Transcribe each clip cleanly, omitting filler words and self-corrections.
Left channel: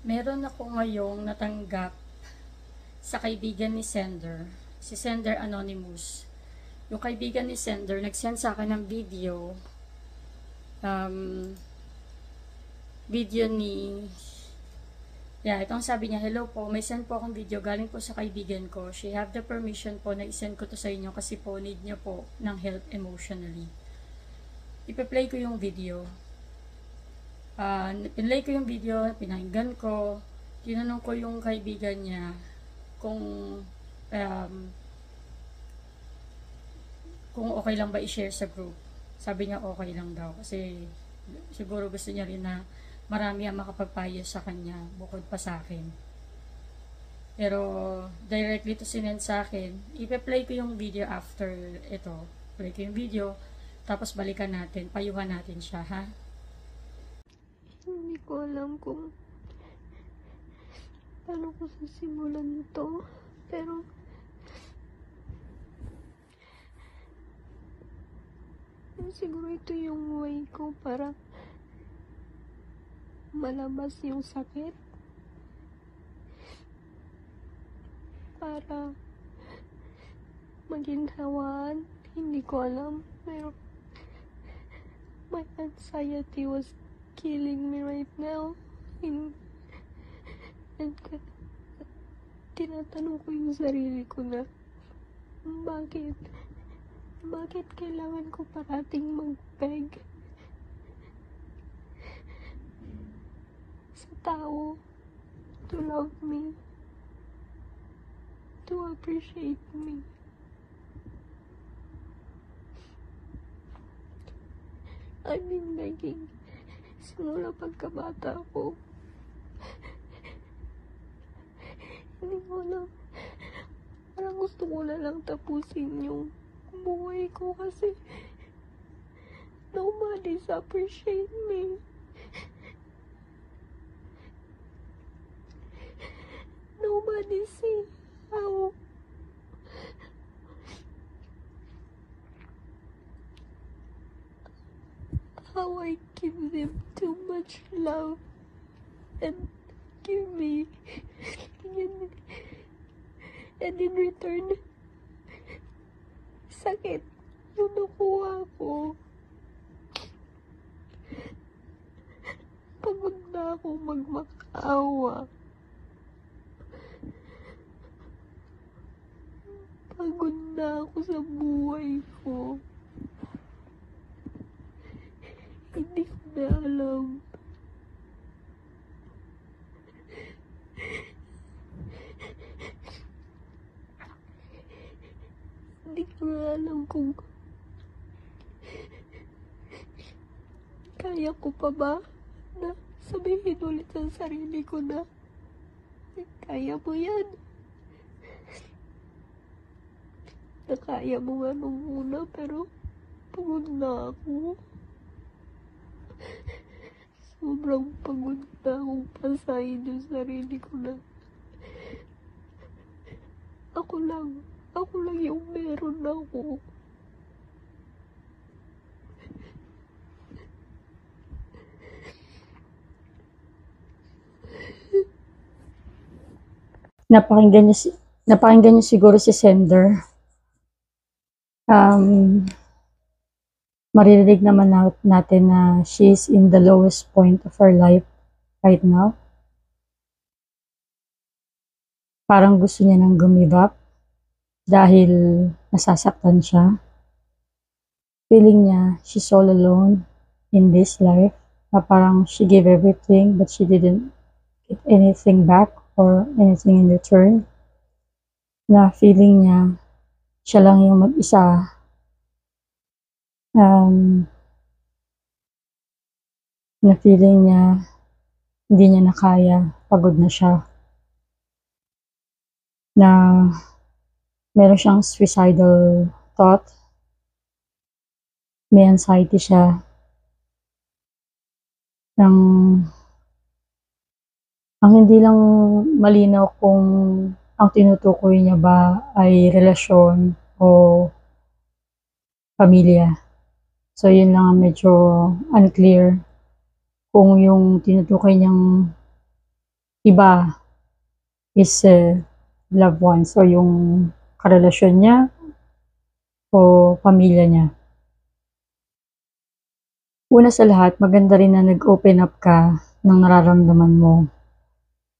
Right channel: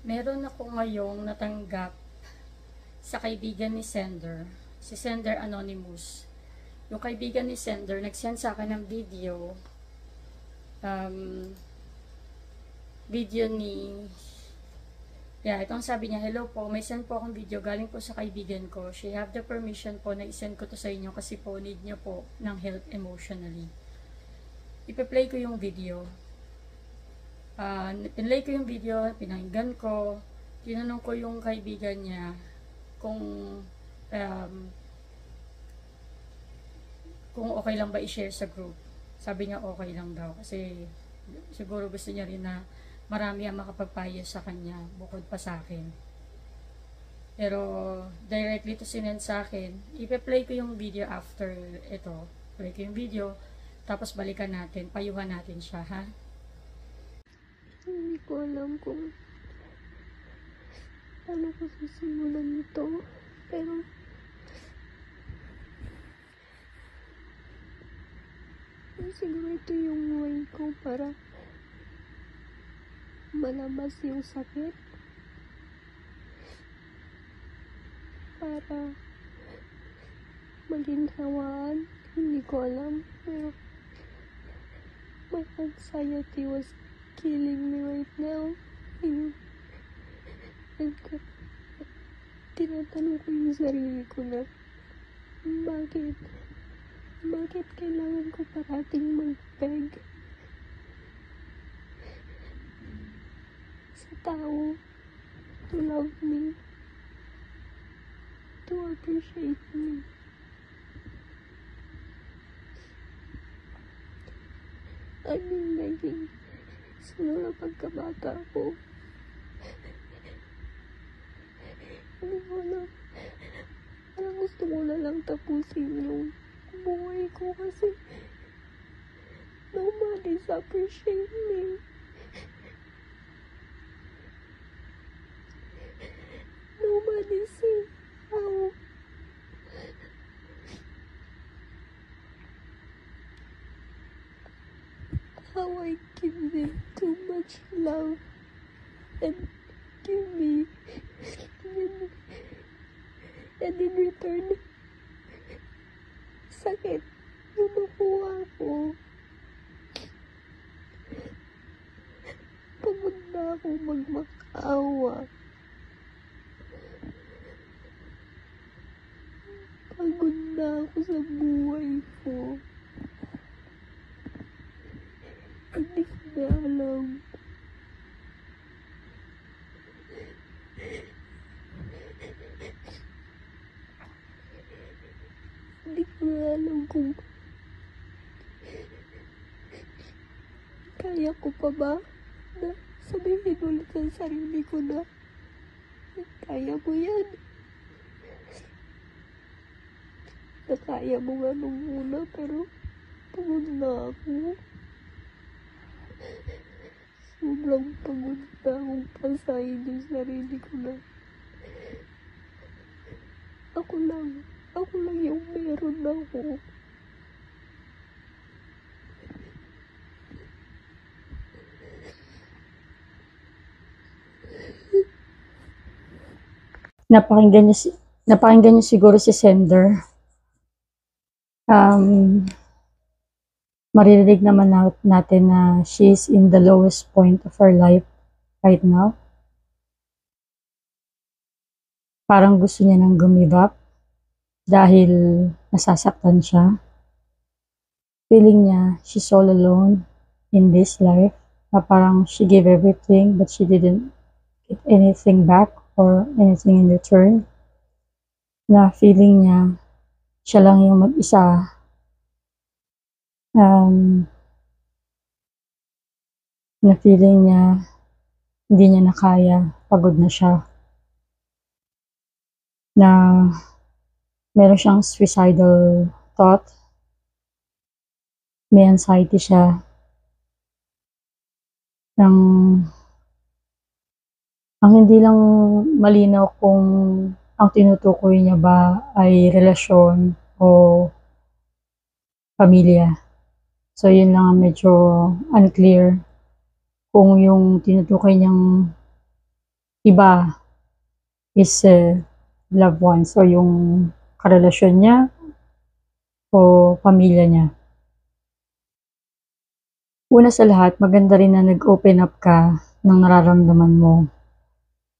Meron ako ngayong natanggap sa kaibigan ni Sender, si Sender Anonymous. Yung kaibigan ni Sender, nag-send sa akin ng video ni, itong sabi niya, hello po, may send po akong video, galing po sa kaibigan ko. She have the permission po na isend ko to sa inyo kasi po need niya po ng help emotionally. Ipe-play ko yung video. Pinlay ko yung video, pinakinggan ko, tinanong ko yung kaibigan niya kung okay lang ba i-share sa group. Sabi niya okay lang daw kasi siguro gusto niya rin na marami ang makapagpayo sa kanya bukod pa sa akin. Pero directly to sinend sa akin, ipe-play ko yung video after ito. Play ko yung video, tapos balikan natin, payuhan natin siya, ha? Hindi ko alam kung ano ko sisimulan nito, pero siguro ito yung way ko para malamas yung sakit, para maginhawaan. Hindi ko alam, pero my anxiety was killing me right now. And tinatanong ko yung sarili ko na bakit kailangan ko parating mag-beg sa tao to love me, to appreciate me. I've been begging simula pagkabata ko. Gusto ko na lang tapusin yung buhay ko kasi nobody's appreciate me. Nobody sees how I give them too much love and give me, and in return, sakit yung nakuha ko. Pagod na ako magmakaawa. Pagod na ako sa buhay ko. Hindi ko na alam. Hindi ko na alam kung kaya ko pa ba na sabihin ulit sa sarili ko na kaya mo yan. Nakaya mo nga nung una, pero pagod na ako. Sobrang pagod na akong pasahin yung sarili ko na ako lang yung meron ako. Napakinggan niyo siguro si Sender. Maririnig naman natin na she's in the lowest point of her life right now. Parang gusto niya nang give up dahil nasasaktan siya. Feeling niya she's all alone in this life, na parang she gave everything but she didn't get anything back or anything in return. Na feeling niya siya lang yung mag-isa. Na feeling niya hindi niya na kaya, pagod na siya. Na meron siyang suicidal thought. May anxiety siya. Ang hindi lang malinaw kung ang tinutukoy niya ba ay relasyon o pamilya. So, yun lang ang medyo unclear kung yung tinutukoy niyang Iba is loved ones o yung karelasyon niya o pamilya niya. Una sa lahat, maganda rin na nag-open up ka ng nararamdaman mo.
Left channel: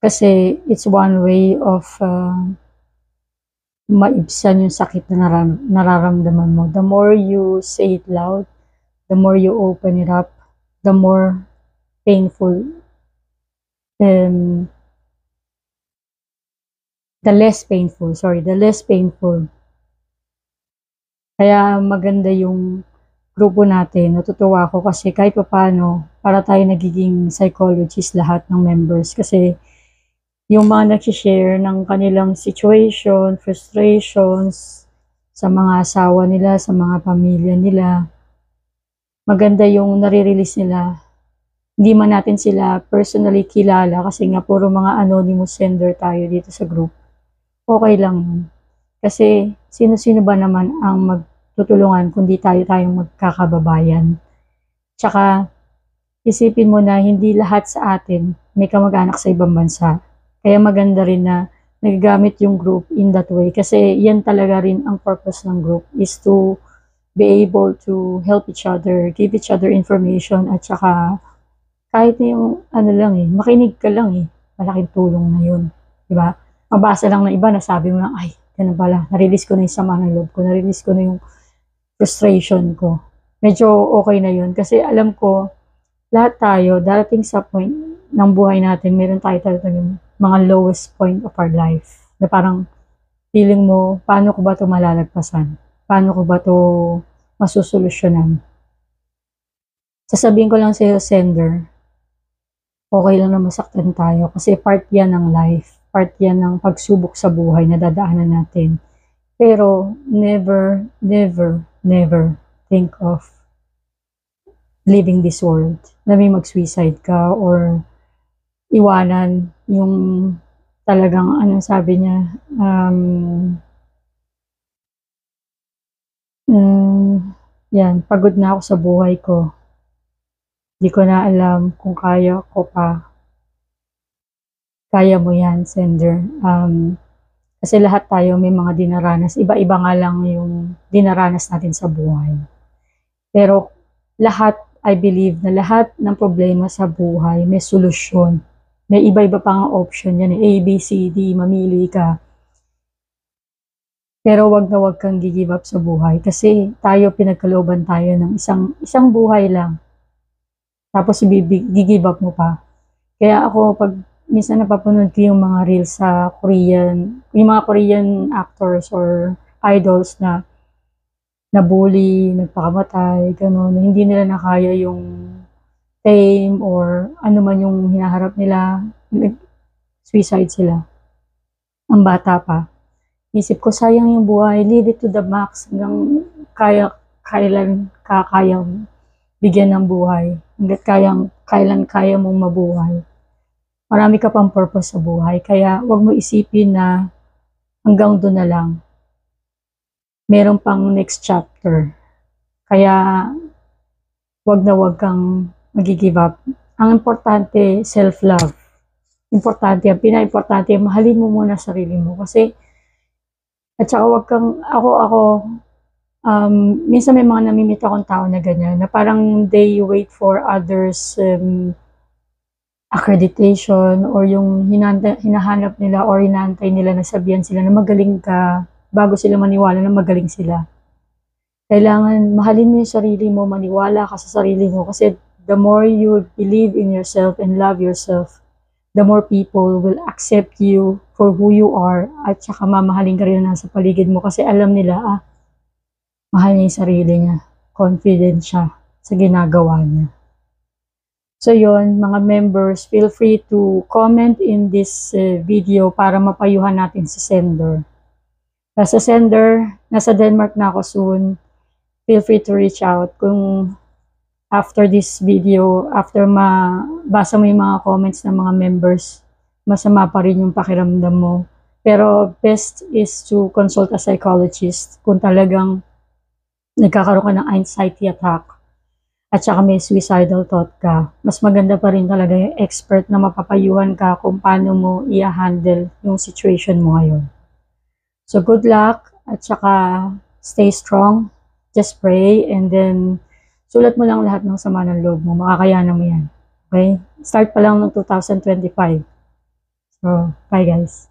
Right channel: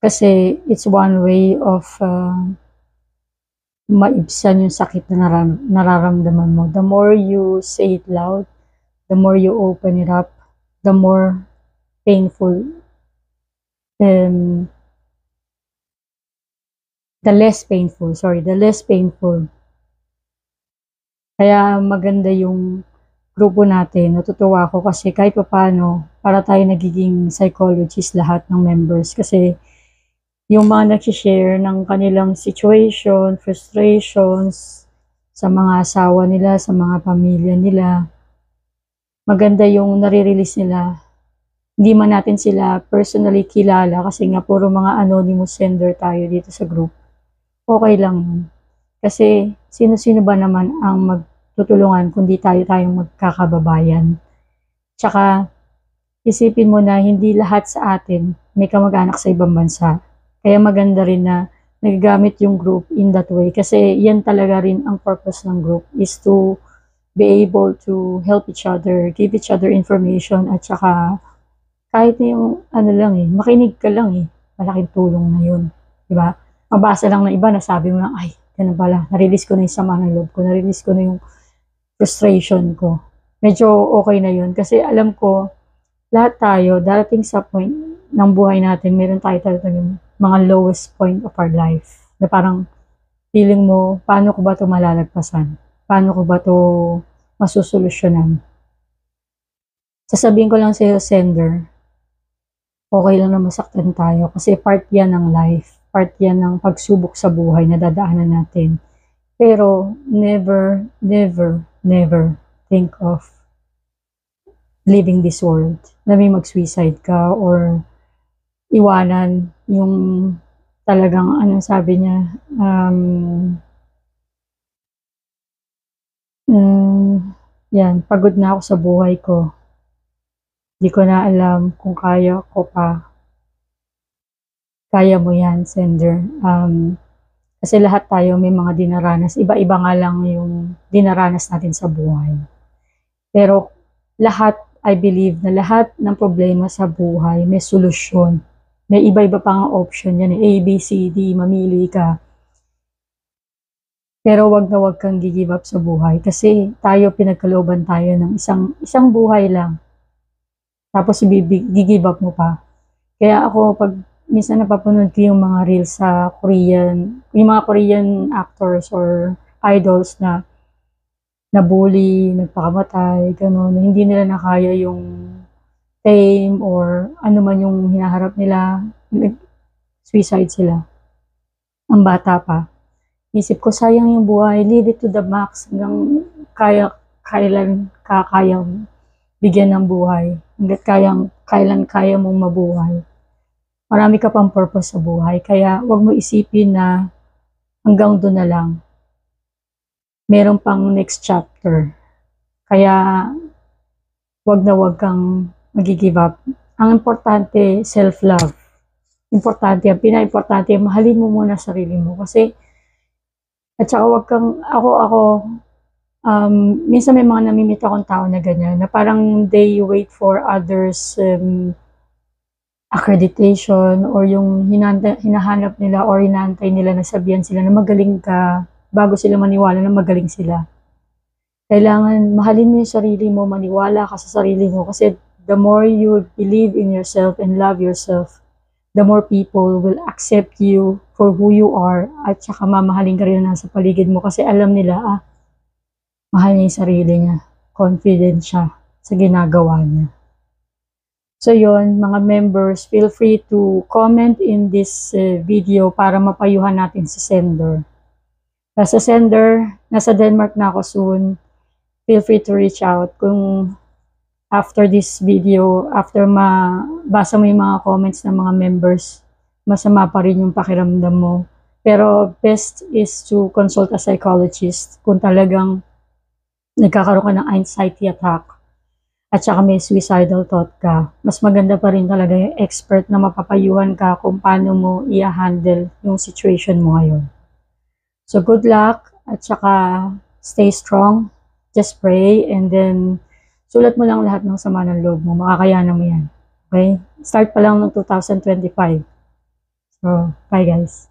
Kasi it's one way of maibsan yung sakit na nararamdaman mo. The more you say it loud, the more you open it up, the more painful, the less painful. Kaya maganda yung grupo natin. Natutuwa ako kasi kahit paano, para tayo nagiging psychologist lahat ng members. Kasi yung mga nag-share ng kanilang situation, frustrations, sa mga asawa nila, sa mga pamilya nila, maganda yung nare-release nila. Hindi man natin sila personally kilala kasi nga puro mga anonymous sender tayo dito sa group. Okay lang yun. Kasi sino-sino ba naman ang magtutulungan kundi tayong magkakababayan. Tsaka isipin mo na hindi lahat sa atin may kamag-anak sa ibang bansa. Kaya maganda rin na nagagamit yung group in that way. Kasi yan talaga rin ang purpose ng group is to be able to help each other, give each other information at saka kahit yung makinig ka lang malaking tulong na yun. Diba? Mabasa lang ng iba na sabi mo lang, ay, ganun pala, na-release ko na yung sama ng loob ko, na-release ko na yung frustration ko. Medyo okay na yun kasi alam ko, lahat tayo, darating sa point ng buhay natin, meron tayo talagang mga lowest point of our life. Na parang feeling mo, paano ko ba ito malalagpasan? Paano ko ba ito masusolusyonan? Sasabihin ko lang sa'yo, sender, okay lang na masaktan tayo kasi part yan ng life. Part yan ng pagsubok sa buhay na dadaanan natin. Pero never, never, never think of leaving this world. Na may mag-suicide ka or iwanan yung talagang, sabi niya, yan, pagod na ako sa buhay ko. Di ko na alam kung kaya ko pa. Kaya mo yan, sender. Kasi lahat tayo may mga dinaranas. Iba-iba nga lang yung dinaranas natin sa buhay. Pero lahat, I believe na lahat ng problema sa buhay may solusyon. May iba-iba pang option yan. A, B, C, D, mamili ka. Pero wag na wag kang give up sa buhay. Kasi tayo, pinagkalooban tayo ng isang buhay lang. Tapos give up mo pa. Kaya ako, pag minsan napapanood ko yung mga reels sa Korean, yung mga Korean actors or idols na nabully, nagpakamatay, gano'n, na hindi nila nakaya yung fame or ano man yung hinaharap nila, suicide sila. Ang bata pa. Isip ko, sayang yung buhay, live it to the max, hanggang kailan kayang bigyan ng buhay, hanggat kailan kaya mong mabuhay. Marami ka pang purpose sa buhay, kaya wag mo isipin na hanggang doon na lang. Meron pang next chapter. Kaya wag na wag kang mag-give up. Ang importante, self-love. Importante, ang pinaka-importante, mahalin mo muna sarili mo. Kasi, at saka wag kang, minsan may mga namimit akong tao na ganyan, na parang they wait for others accreditation or yung hinahanap nila or hinahantay nila na sabihan sila na magaling ka bago sila maniwala na magaling sila. Kailangan mahalin mo yung sarili mo, maniwala ka sa sarili mo kasi the more you believe in yourself and love yourself, the more people will accept you for who you are at saka mamahalin ka rin na sa paligid mo kasi alam nila, mahal niya yung sarili niya, confident siya sa ginagawa niya. So yon, mga members, feel free to comment in this video para mapayuhan natin si sender. Sa sender, nasa Denmark na ako soon. Feel free to reach out kung after this video, after mabasa mo yung mga comments ng mga members, masama pa rin yung pakiramdam mo. Pero best is to consult a psychologist kung talagang nagkakaroon ka ng anxiety attack at saka may suicidal thought ka, mas maganda pa rin talaga yung expert na mapapayuhan ka kung paano mo i-handle yung situation mo ngayon. So good luck at saka stay strong, just pray and then sulat mo lang lahat ng sama ng loob mo, makakayanan mo yan. Okay? Start pa lang ng 2025. So, bye guys.